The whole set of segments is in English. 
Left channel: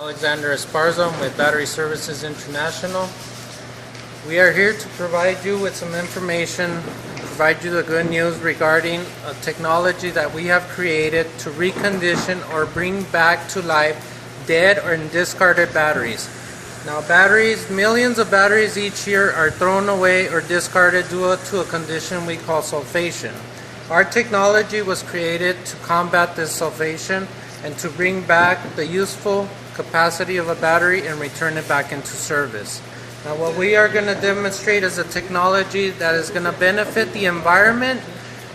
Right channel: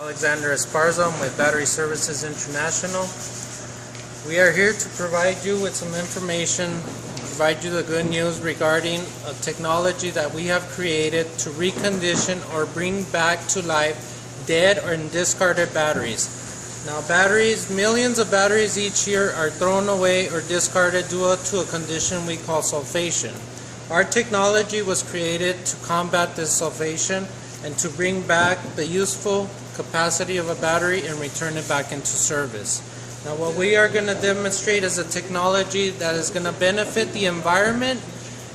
Alexander Esparza with Battery Services International. We are here to provide you with some information, provide you the good news regarding a technology that we have created to recondition or bring back to life dead or discarded batteries. Now batteries, millions of batteries each year are thrown away or discarded due to a condition we call sulfation. Our technology was created to combat this sulfation and to bring back the useful capacity of a battery and return it back into service. Now what we are going to demonstrate is a technology that is going to benefit the environment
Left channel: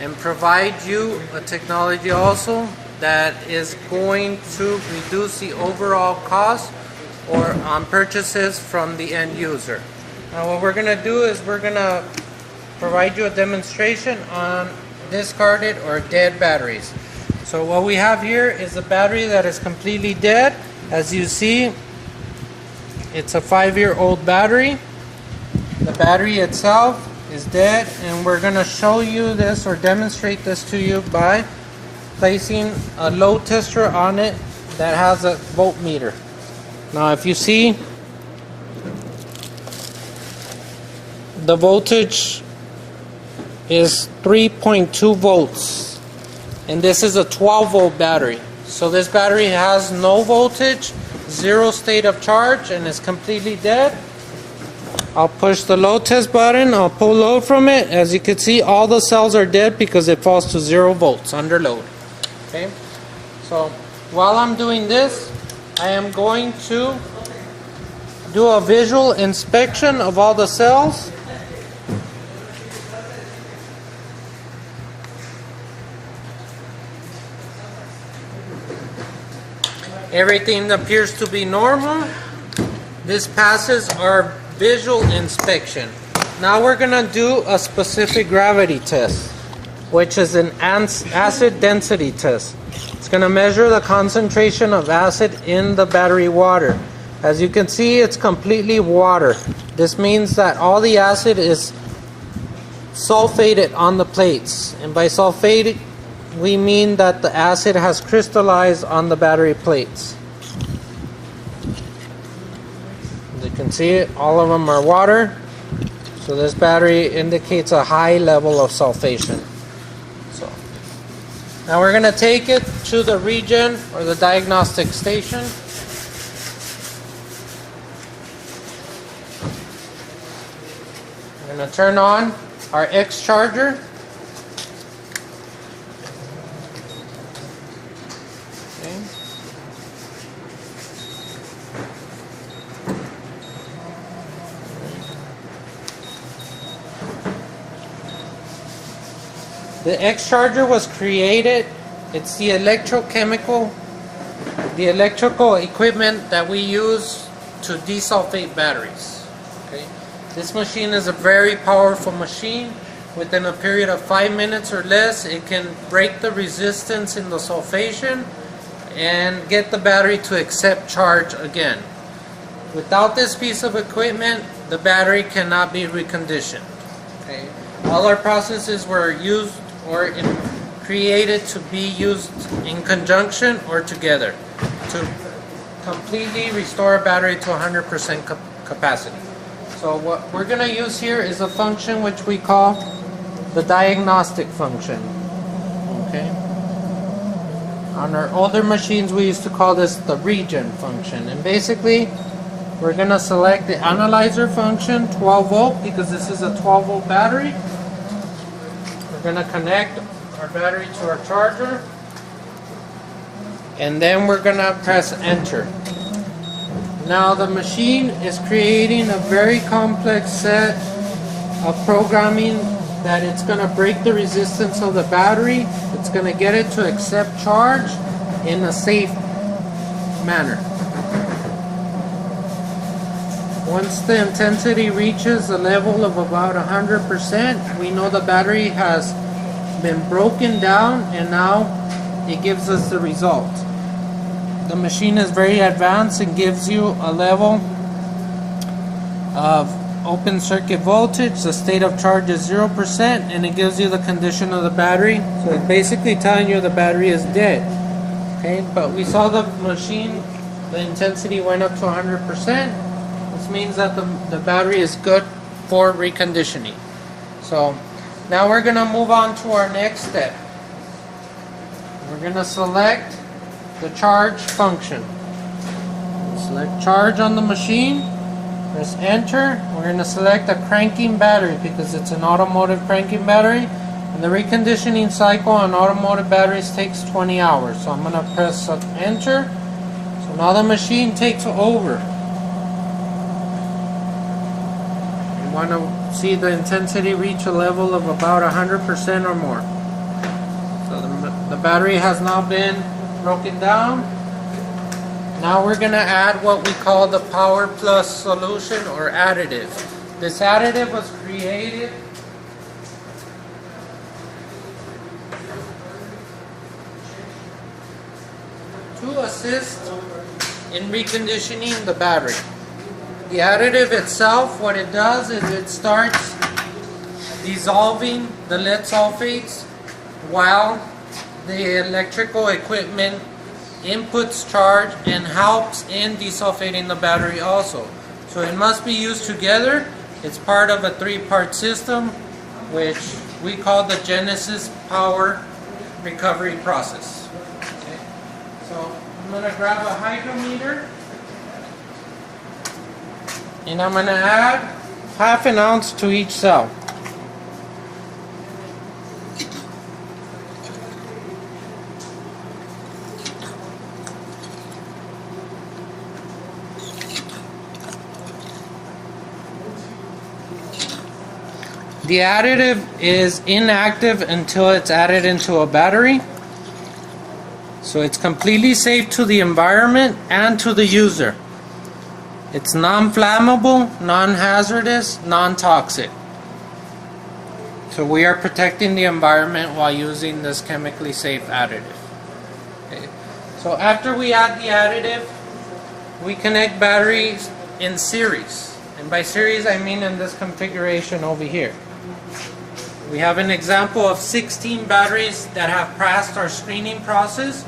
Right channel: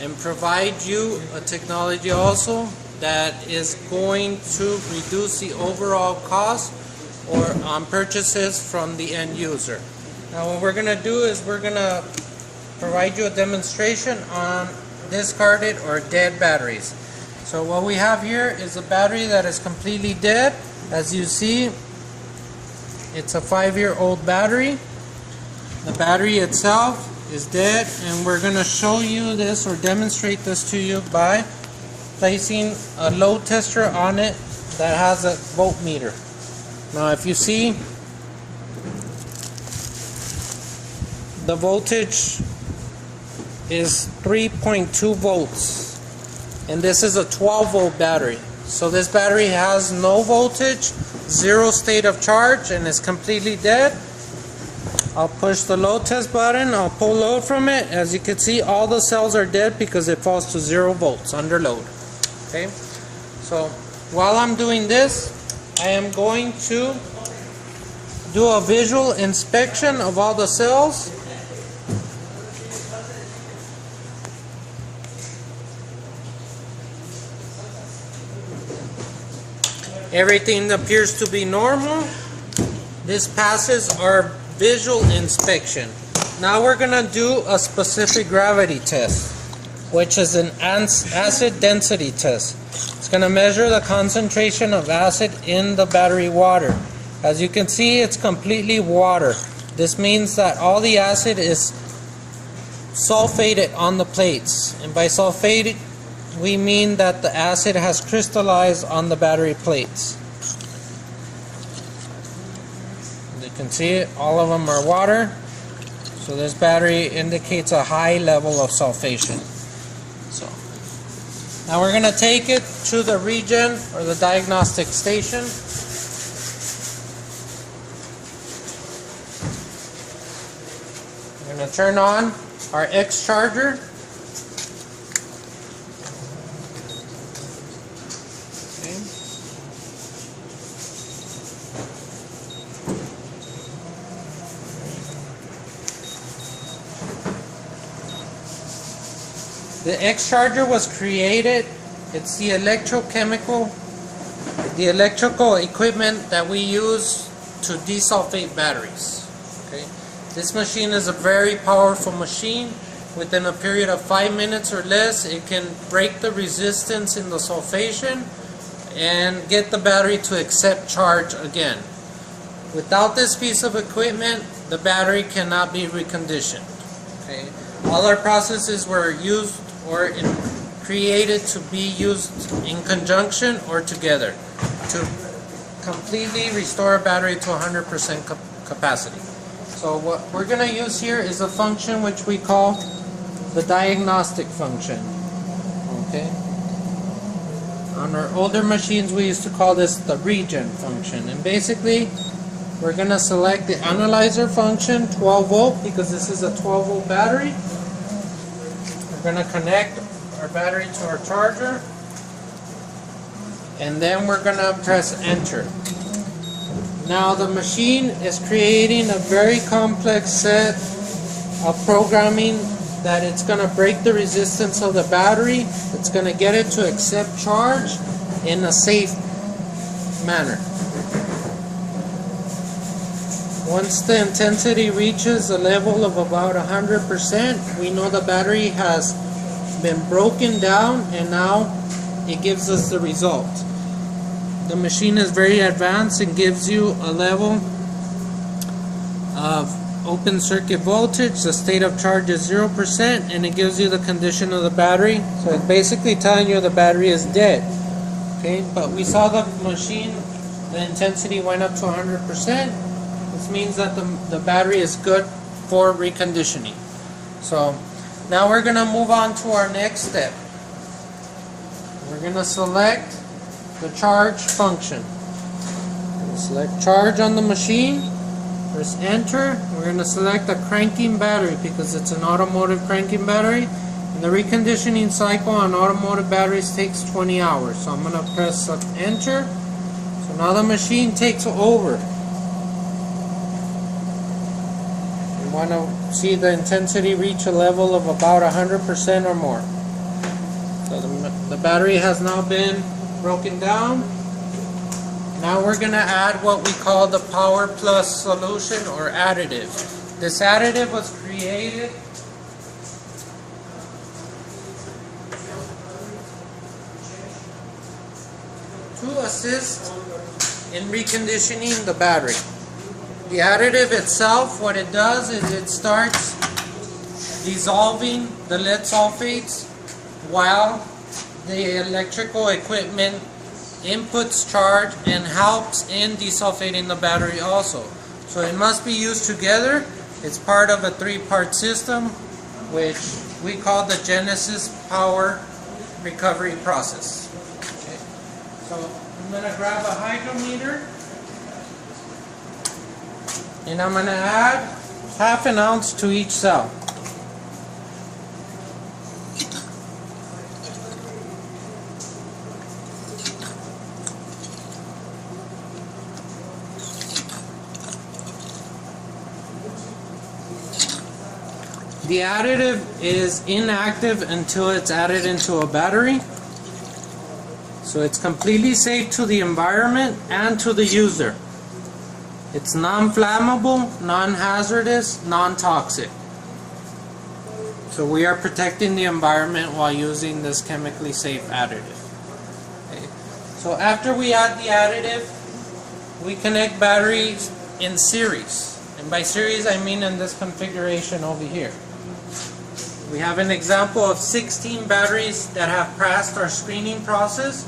and provide you a technology also that is going to reduce the overall cost or on purchases from the end user. Now what we're going to do is we're going to provide you a demonstration on discarded or dead batteries. So what we have here is a battery that is completely dead. As you see, it's a 5-year-old battery. The battery itself is dead, and we're going to show you this or demonstrate this to you by placing a load tester on it that has a voltmeter. Now if you see, the voltage is 3.2 volts, and this is a 12-volt battery. So this battery has no voltage, zero state of charge, and is completely dead. I'll push the load test button, I'll pull load from it. As you can see, all the cells are dead because it falls to 0 volts under load. Okay, so while I'm doing this, I am going to do a visual inspection of all the cells. Everything appears to be normal. This passes our visual inspection. Now we're going to do a specific gravity test, which is an acid density test. It's going to measure the concentration of acid in the battery water. As you can see, it's completely water. This means that all the acid is sulfated on the plates. And by sulfated, we mean that the acid has crystallized on the battery plates. As you can see, all of them are water. So this battery indicates a high level of sulfation. So now we're going to take it to the regen or the diagnostic station. We're going to turn on our X charger. The X charger was created, it's the electrical equipment that we use to desulfate batteries. Okay? This machine is a very powerful machine. Within a period of 5 minutes or less, it can break the resistance in the sulfation and get the battery to accept charge again. Without this piece of equipment, the battery cannot be reconditioned. Okay? All our processes were used or created to be used in conjunction or together to completely restore a battery to 100% capacity. So what we're going to use here is a function which we call the diagnostic function. Okay. On our older machines we used to call this the regen function, and basically we're going to select the analyzer function 12 volt because this is a 12 volt battery. We're going to connect our battery to our charger, and then we're going to press enter. Now the machine is creating a very complex set of programming that it's going to break the resistance of the battery. It's going to get it to accept charge in a safe manner. Once the intensity reaches a level of about 100%, we know the battery has been broken down, and now it gives us the result. The machine is very advanced and gives you a level of open circuit voltage. The state of charge is 0%, and it gives you the condition of the battery. So it's basically telling you the battery is dead. Okay, but we saw the machine the intensity went up to 100%. This means that the battery is good for reconditioning. So now we're going to move on to our next step. We're going to select the charge function. Select charge on the machine. Press enter. We're going to select a cranking battery because it's an automotive cranking battery. And the reconditioning cycle on automotive batteries takes 20 hours. So I'm going to press enter. So now the machine takes over. You want to see the intensity reach a level of about 100% or more. So the battery has now been broken down. Now we're going to add what we call the Power Plus solution or additive. This additive was created to assist in reconditioning the battery. The additive itself, what it does is it starts dissolving the lead sulfates while the electrical equipment inputs charge and helps in desulfating the battery also. So it must be used together. It's part of a three-part system which we call the Genesis Power Recovery Process. Okay. So I'm going to grab a hydrometer and I'm going to add half an ounce to each cell. The additive is inactive until it's added into a battery. So it's completely safe to the environment and to the user. It's non-flammable, non-hazardous, non-toxic. So we are protecting the environment while using this chemically safe additive. Okay. So after we add the additive, we connect batteries in series. And by series I mean in this configuration over here. We have an example of 16 batteries that have passed our screening process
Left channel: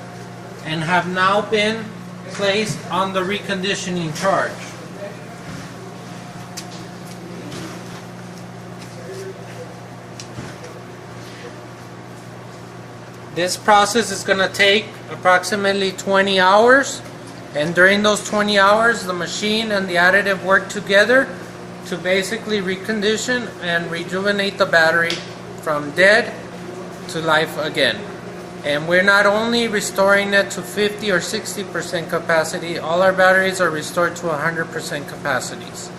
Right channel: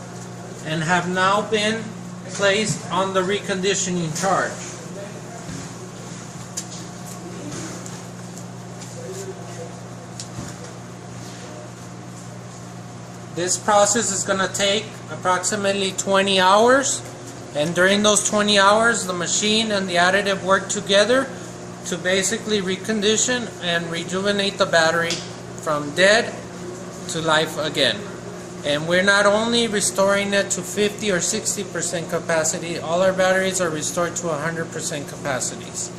and have now been placed on the reconditioning charge. This process is going to take approximately 20 hours, and during those 20 hours the machine and the additive work together to basically recondition and rejuvenate the battery from dead to life again. And we're not only restoring it to 50 or 60% capacity, all our batteries are restored to 100% capacities.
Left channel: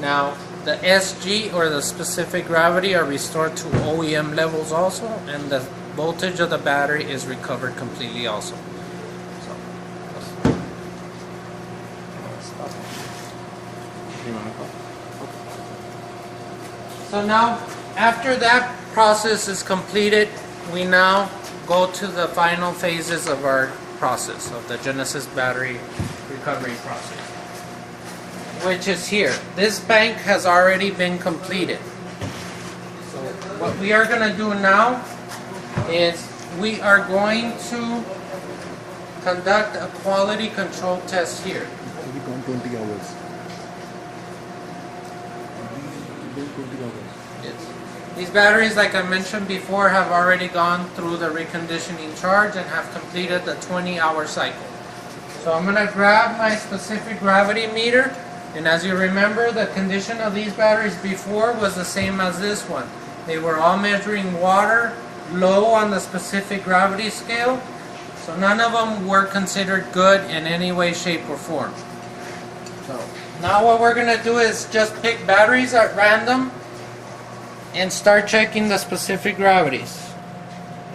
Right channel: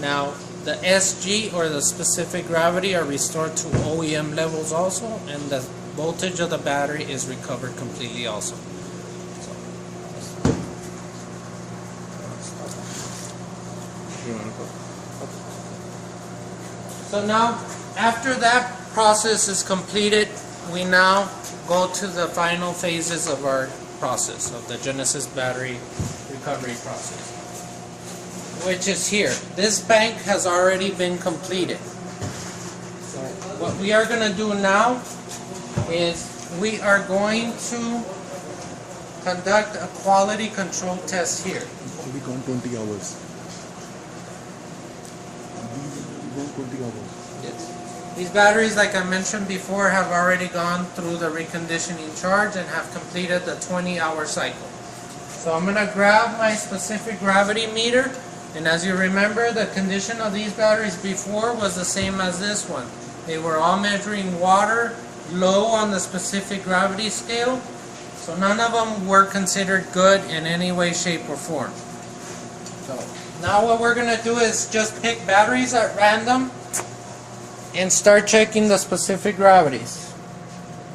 Now the SG or the specific gravity are restored to OEM levels also, and the voltage of the battery is recovered completely also. So now, after that process is completed, we now go to the final phases of our process, of the Genesis battery recovery process, which is here. This bank has already been completed. So what we are going to do now is we are going to conduct a quality control test here. We gone 20 hours. 20 hours. Yes. These batteries, like I mentioned before, have already gone through the reconditioning charge and have completed the 20-hour cycle. So I'm going to grab my specific gravity meter, and as you remember, the condition of these batteries before was the same as this one. They were all measuring water, low on the specific gravity scale, so none of them were considered good in any way, shape, or form. So now what we're going to do is just pick batteries at random and start checking the specific gravities.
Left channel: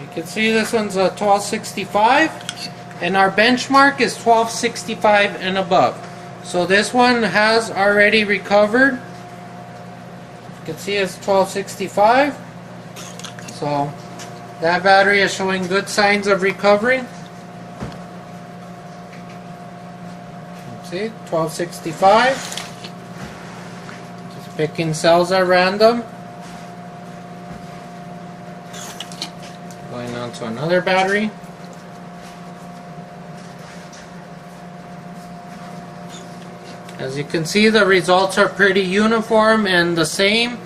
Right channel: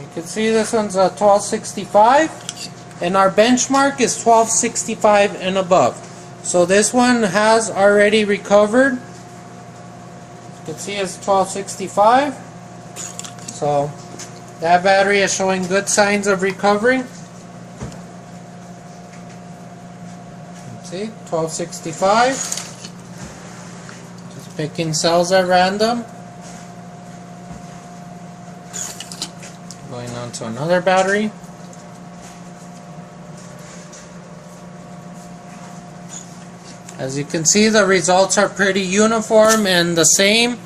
You can see this one's a 1265 and our benchmark is 1265 and above. So this one has already recovered. You can see it's 1265. So that battery is showing good signs of recovery. See, 1265. Just picking cells at random. Going on to another battery. As you can see, the results are pretty uniform and the same.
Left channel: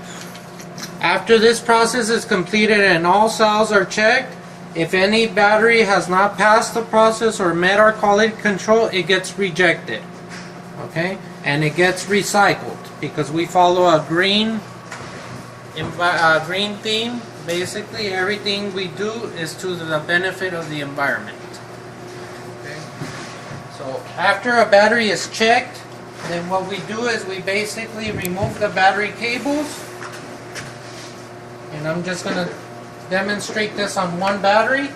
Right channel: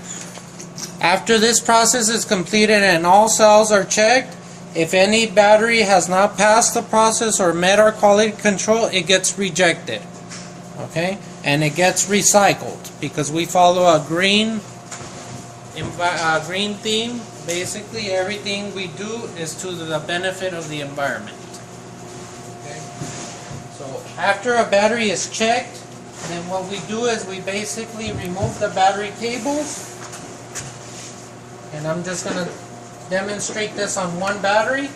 After this process is completed and all cells are checked, if any battery has not passed the process or met our quality control, it gets rejected. Okay? And it gets recycled because we follow a green theme. Basically, everything we do is to the benefit of the environment. Okay? So after a battery is checked, then what we do is we basically remove the battery cables. And I'm just going to demonstrate this on one battery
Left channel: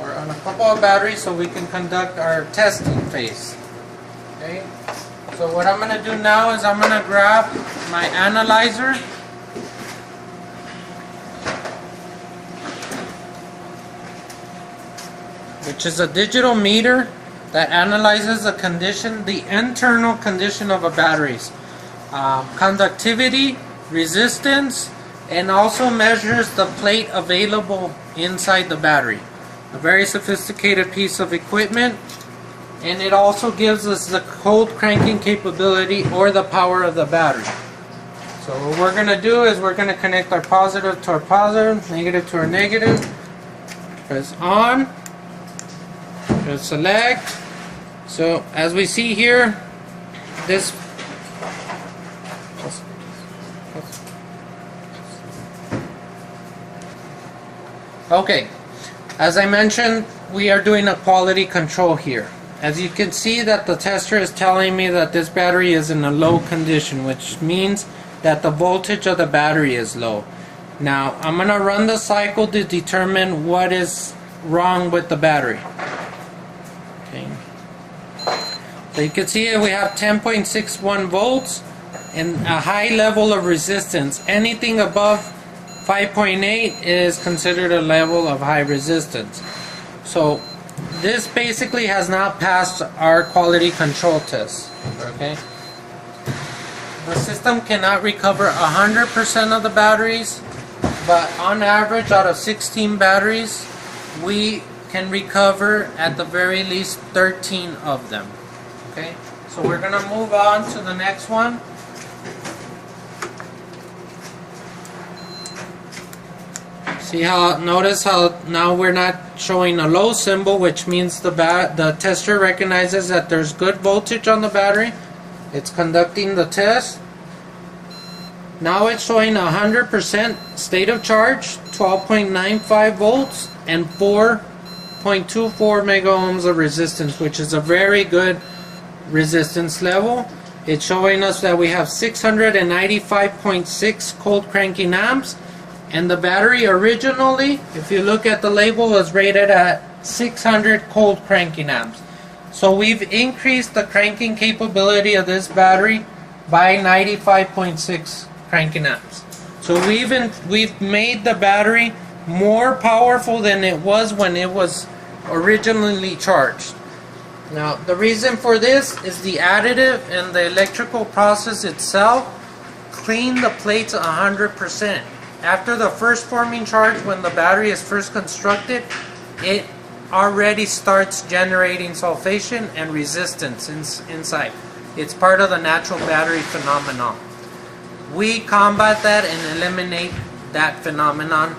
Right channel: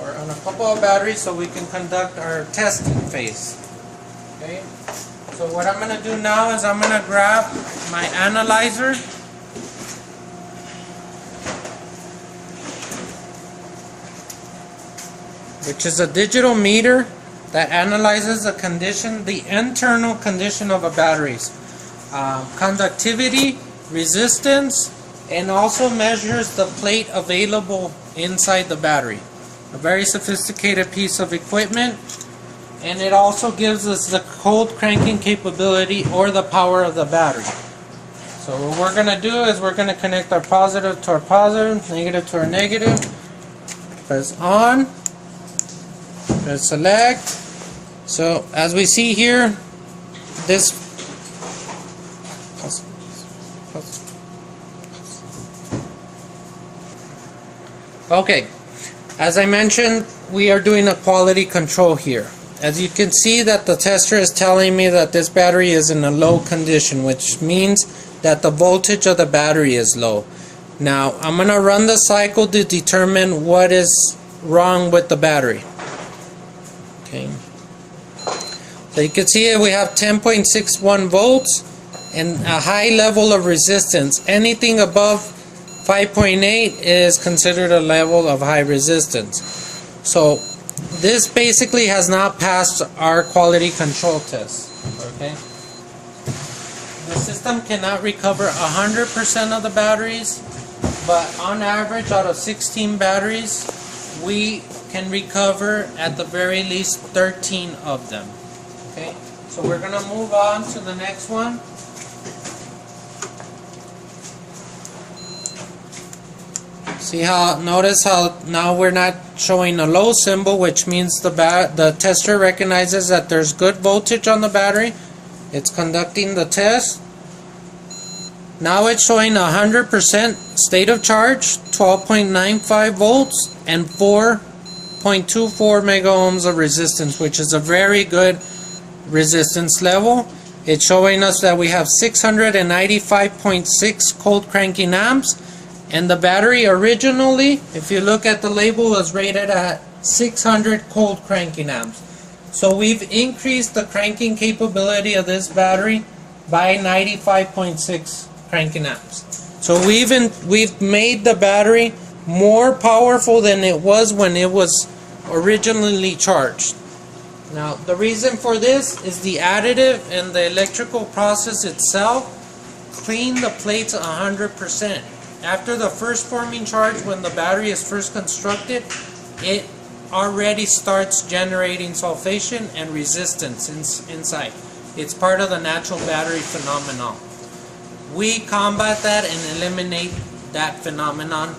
or on a couple of batteries so we can conduct our testing phase. Okay? So what I'm going to do now is I'm going to grab my analyzer. Which is a digital meter that analyzes the condition, the internal condition of a battery's conductivity, resistance, and also measures the plate available inside the battery. A very sophisticated piece of equipment, and it also gives us the cold cranking capability or the power of the battery. So what we're going to do is we're going to connect our positive to our positive, negative to our negative. Press on. Press select. So as we see here, this okay, as I mentioned, we are doing a quality control here. As you can see that the tester is telling me that this battery is in a low condition, which means that the voltage of the battery is low. Now I'm going to run the cycle to determine what is wrong with the battery. Okay. So you can see we have 10.61 volts and a high level of resistance. Anything above 5.8 is considered a level of high resistance. So this basically has not passed our quality control test. Okay. The system cannot recover 100% of the batteries, but on average out of 16 batteries, we can recover at the very least 13 of them. Okay, so we're going to move on to the next one. See how, notice how now we're not showing a low symbol, which means the tester recognizes that there's good voltage on the battery. It's conducting the test. Now it's showing 100% state of charge, 12.95 volts, and 4.24 mega ohms of resistance, which is a very good resistance level. It's showing us that we have 695.6 cold cranking amps, and the battery originally, if you look at the label, was rated at 600 cold cranking amps. So we've increased the cranking capability of this battery by 95.6 cranking amps. So we've made the battery more powerful than it was when it was originally charged. Now the reason for this is the additive and the electrical process itself clean the plates 100%. After the first forming charge, when the battery is first constructed, it already starts generating sulfation and resistance inside. It's part of the natural battery phenomenon. We combat that and eliminate that phenomenon,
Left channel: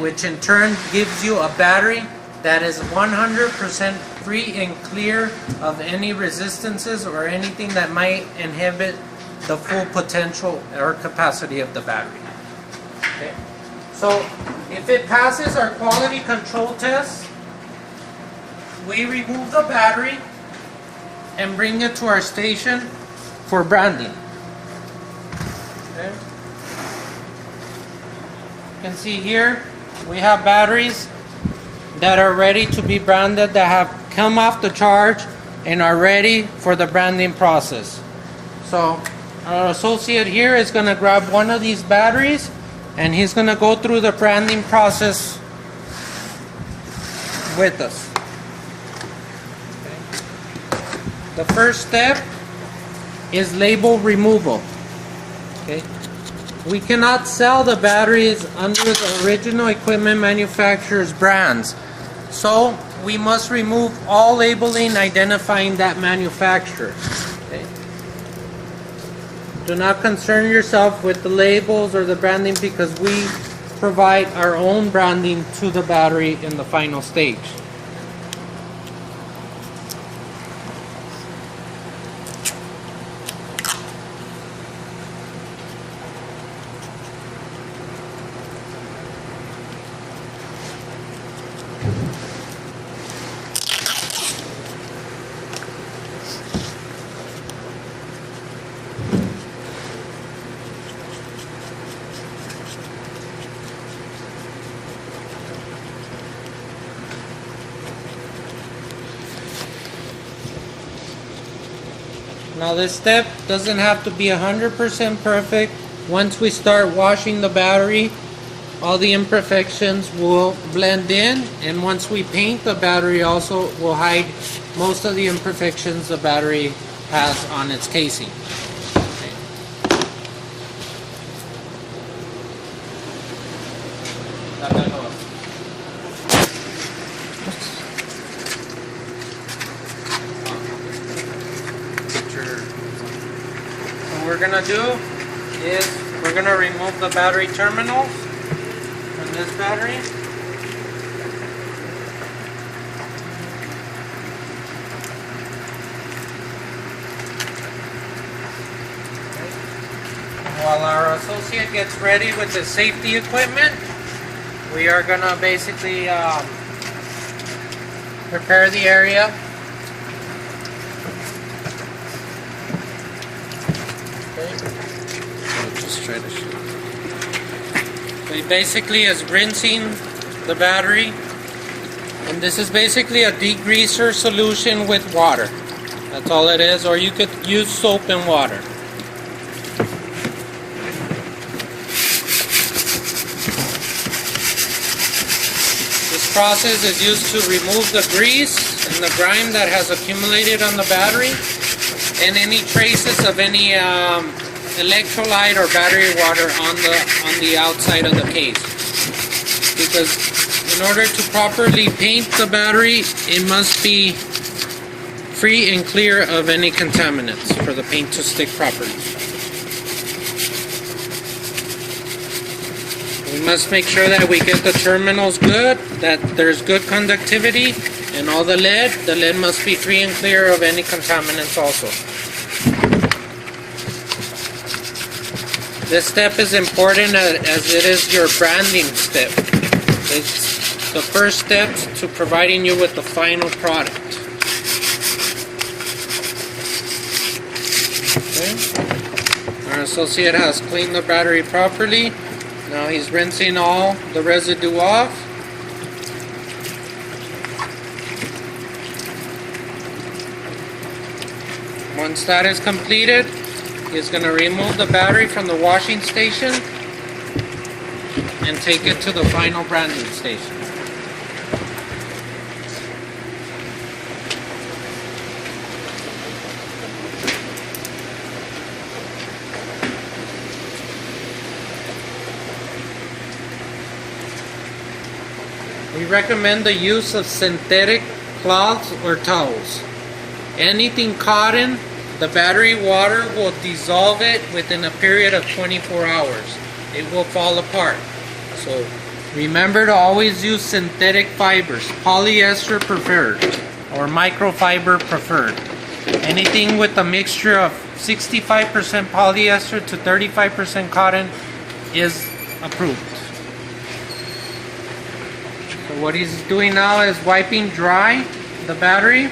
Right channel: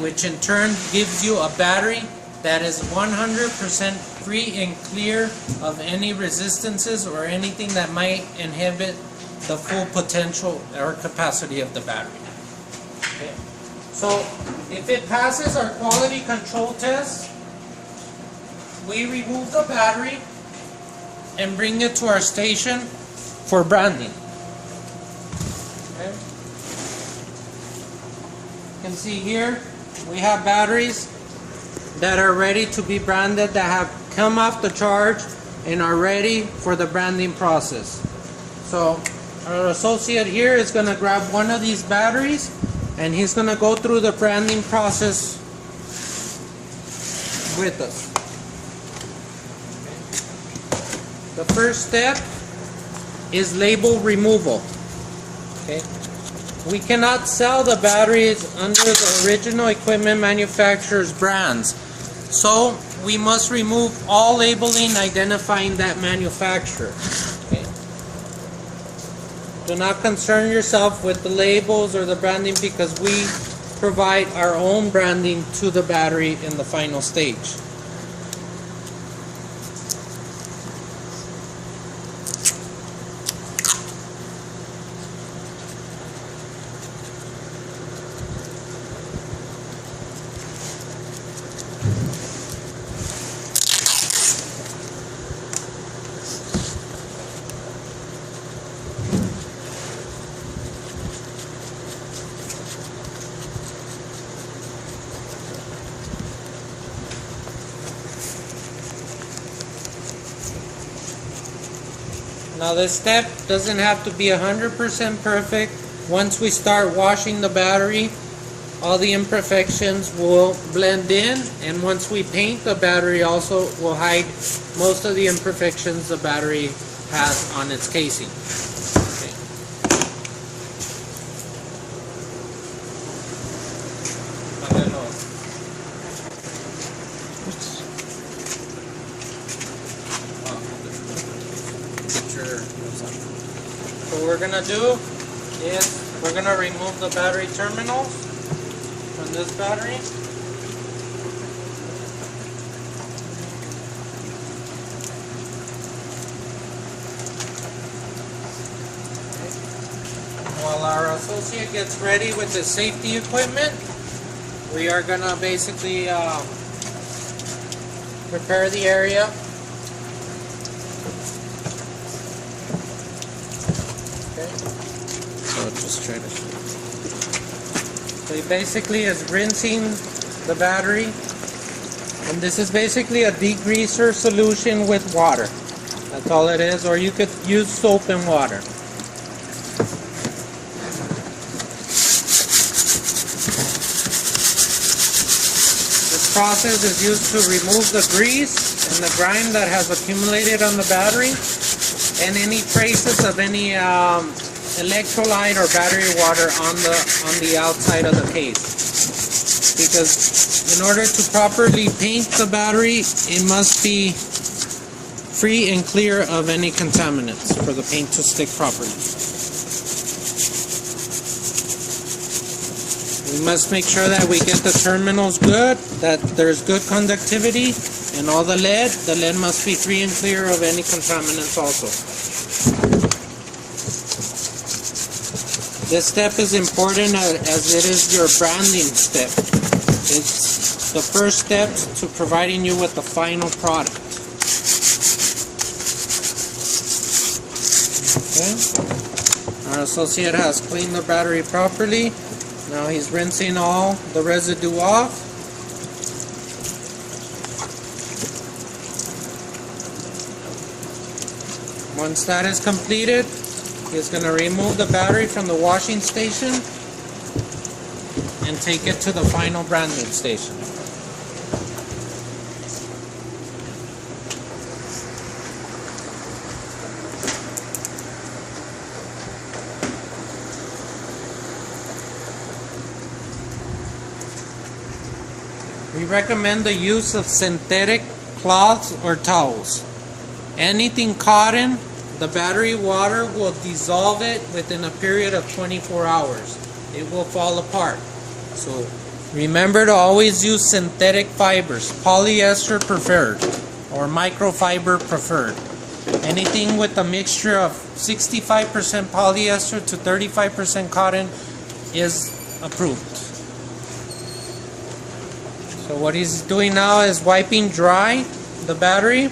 which in turn gives you a battery that is 100% free and clear of any resistances or anything that might inhibit the full potential or capacity of the battery. Okay. So if it passes our quality control test, we remove the battery and bring it to our station for branding. Okay. You can see here we have batteries that are ready to be branded, that have come off the charge and are ready for the branding process. So our associate here is going to grab one of these batteries and he's going to go through the branding process with us. The first step is label removal. Okay. We cannot sell the batteries under the original equipment manufacturer's brands. So we must remove all labeling identifying that manufacturer. Okay. do not concern yourself with the labels or the branding because we provide our own branding to the battery in the final stage. Now this step doesn't have to be 100% perfect. Once we start washing the battery, all the imperfections will blend in, and once we paint the battery also will hide most of the imperfections the battery has on its casing. Okay. What we're gonna do is we're gonna remove the battery terminals from this battery. While our associate gets ready with the safety equipment, we are gonna basically prepare the area. I'll just try to show. So he basically is rinsing the battery, and this is basically a degreaser solution with water. That's all it is, or you could use soap and water. This process is used to remove the grease and the grime that has accumulated on the battery, and any traces of any electrolyte or battery water on the outside of the case. Because in order to properly paint the battery, it must be free and clear of any contaminants for the paint to stick properly. We must make sure that we get the terminals good, that there's good conductivity, and all the lead must be free and clear of any contaminants also. This step is important as it is your branding step. It's the first step to providing you with the final product. Okay. Our associate has cleaned the battery properly. Now he's rinsing all the residue off. Once that is completed, he's going to remove the battery from the washing station and take it to the final branding station. We recommend the use of synthetic cloths or towels. Anything cotton, the battery water will dissolve it within a period of 24 hours. It will fall apart. So remember to always use synthetic fibers, polyester preferred or microfiber preferred. Anything with a mixture of 65% polyester to 35% cotton is approved. So what he's doing now is wiping dry the battery.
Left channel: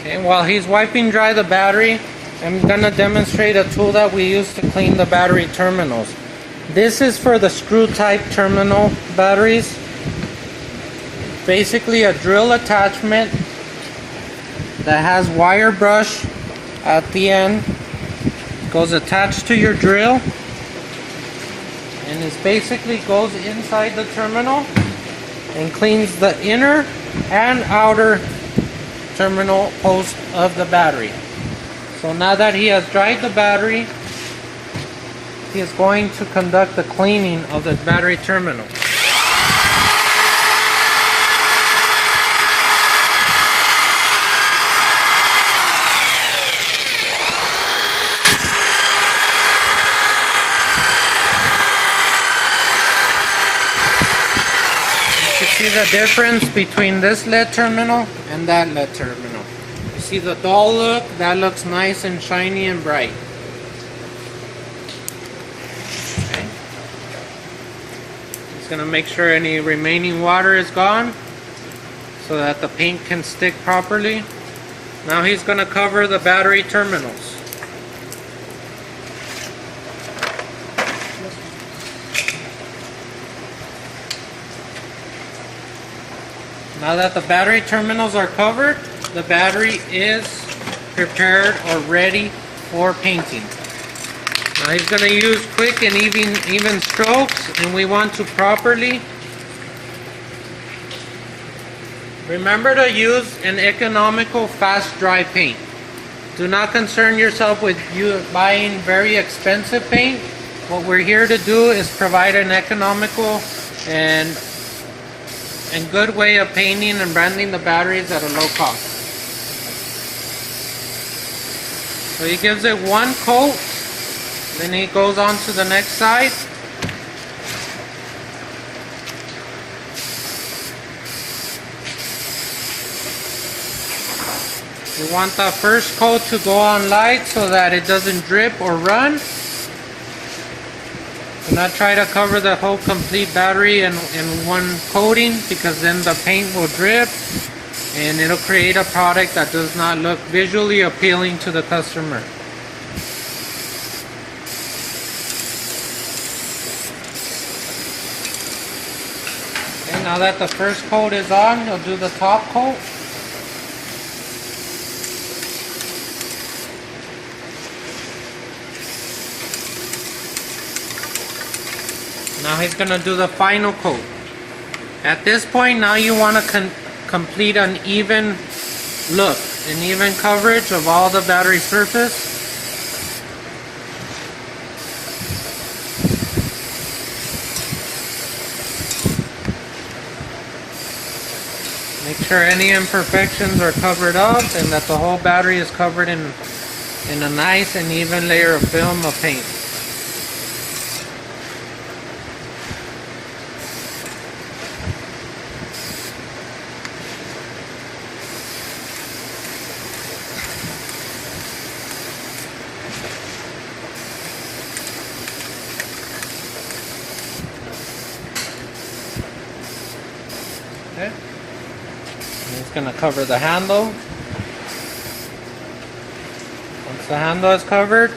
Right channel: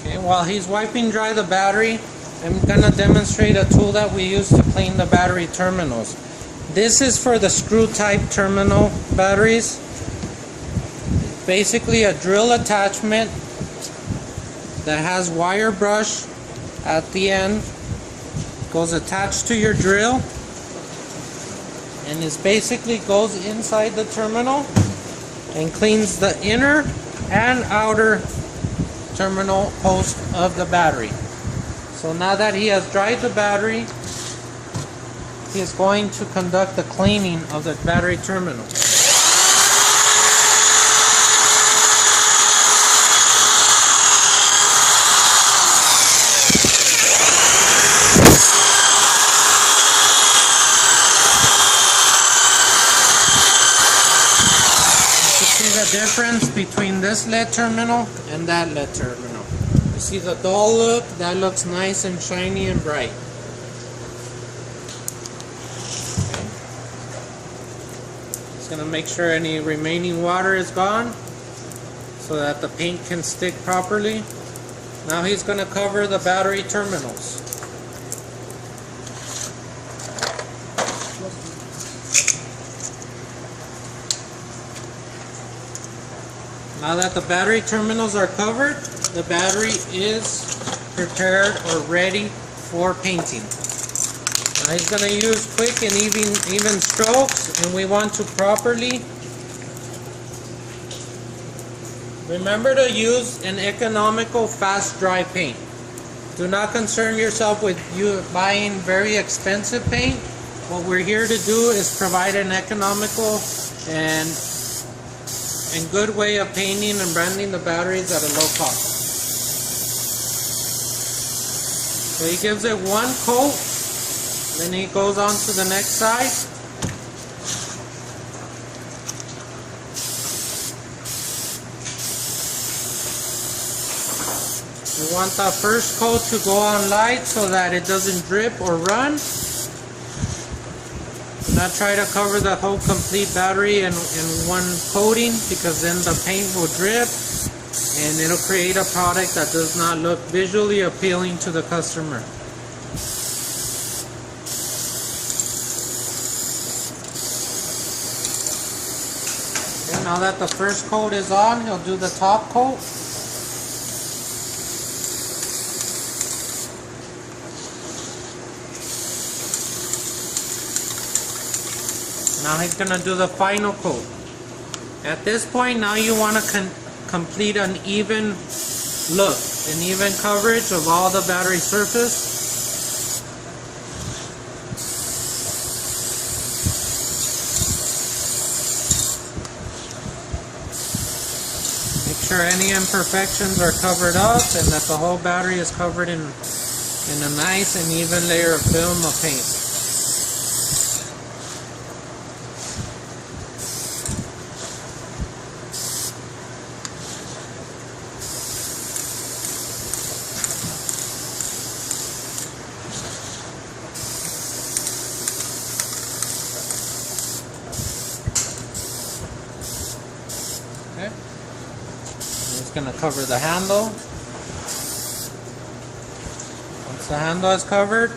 Okay, while he's wiping dry the battery, I'm going to demonstrate a tool that we use to clean the battery terminals. This is for the screw type terminal batteries. Basically a drill attachment that has wire brush at the end. It goes attached to your drill, and it basically goes inside the terminal and cleans the inner and outer terminal post of the battery. So now that he has dried the battery, he is going to conduct the cleaning of the battery terminal. You see the difference between this LED terminal and that LED terminal. You see the dull look? That looks nice and shiny and bright. Okay. Just gonna make sure any remaining water is gone so that the paint can stick properly. Now he's gonna cover the battery terminals. Now that the battery terminals are covered, the battery is prepared or ready for painting. Now he's going to use quick and even strokes, and we want to properly remember to use an economical fast dry paint. Do not concern yourself with you buying very expensive paint. What we're here to do is provide an economical and good way of painting and branding the batteries at a low cost. So he gives it one coat, then he goes on to the next side. We want that first coat to go on light so that it doesn't drip or run. Do not try to cover the whole complete battery in one coating, because then the paint will drip and it'll create a product that does not look visually appealing to the customer. Okay, now that the first coat is on, you'll do the top coat. Now he's going to do the final coat. At this point, now you want to complete an even look, an even coverage of all the battery surface. Make sure any imperfections are covered up and that the whole battery is covered in a nice and even layer of film of paint. Okay. He's going to cover the handle. Once the handle is covered,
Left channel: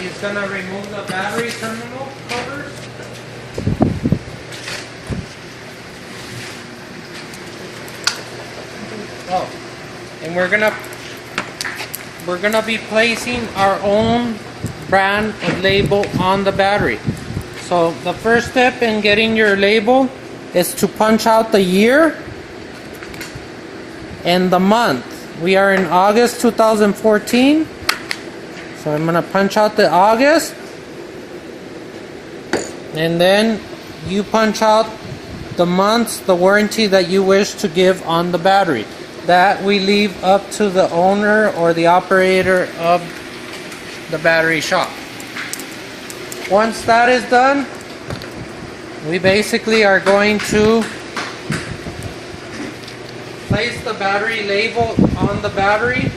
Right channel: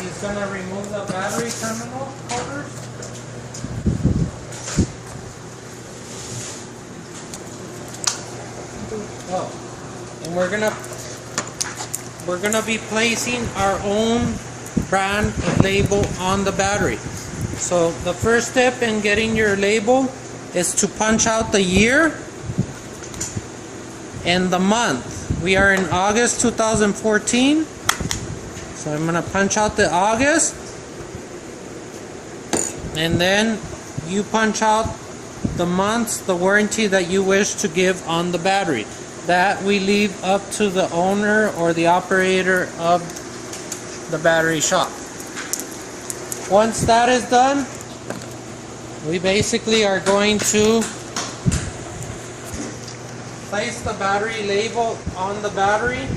he's going to remove the battery terminal covers. Oh, and we're gonna be placing our own brand of label on the battery. So the first step in getting your label is to punch out the year and the month. We are in August 2014, so I'm gonna punch out the August, and then you punch out the months, the warranty that you wish to give on the battery. That we leave up to the owner or the operator of the battery shop. Once that is done, we basically are going to place the battery label on the battery.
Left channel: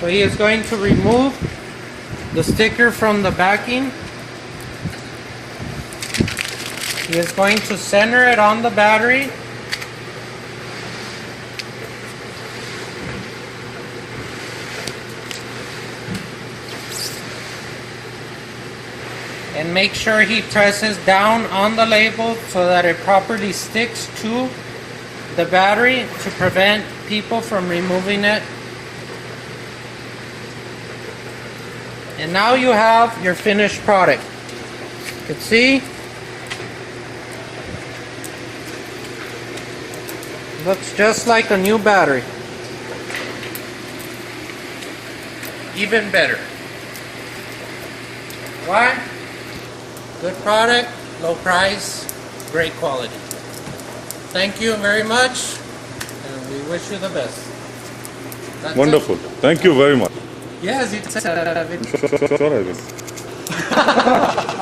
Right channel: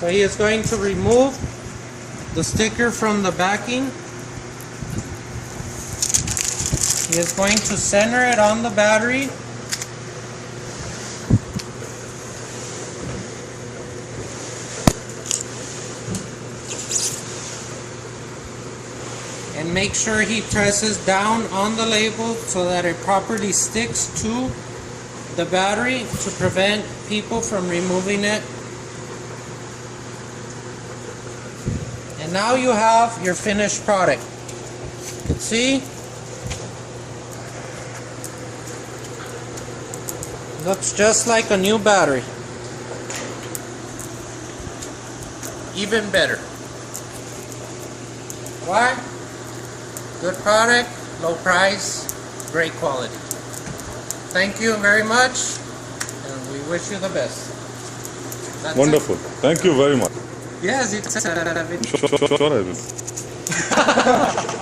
So he is going to remove the sticker from the backing. He is going to center it on the battery. And make sure he presses down on the label so that it properly sticks to the battery to prevent people from removing it. And now you have your finished product. You can see Looks just like a new battery. Even better. Why? Good product, low price, great quality. Thank you very much, and we wish you the best. That's it. Wonderful. Thank you very much. Yes, you can. Sure, I will.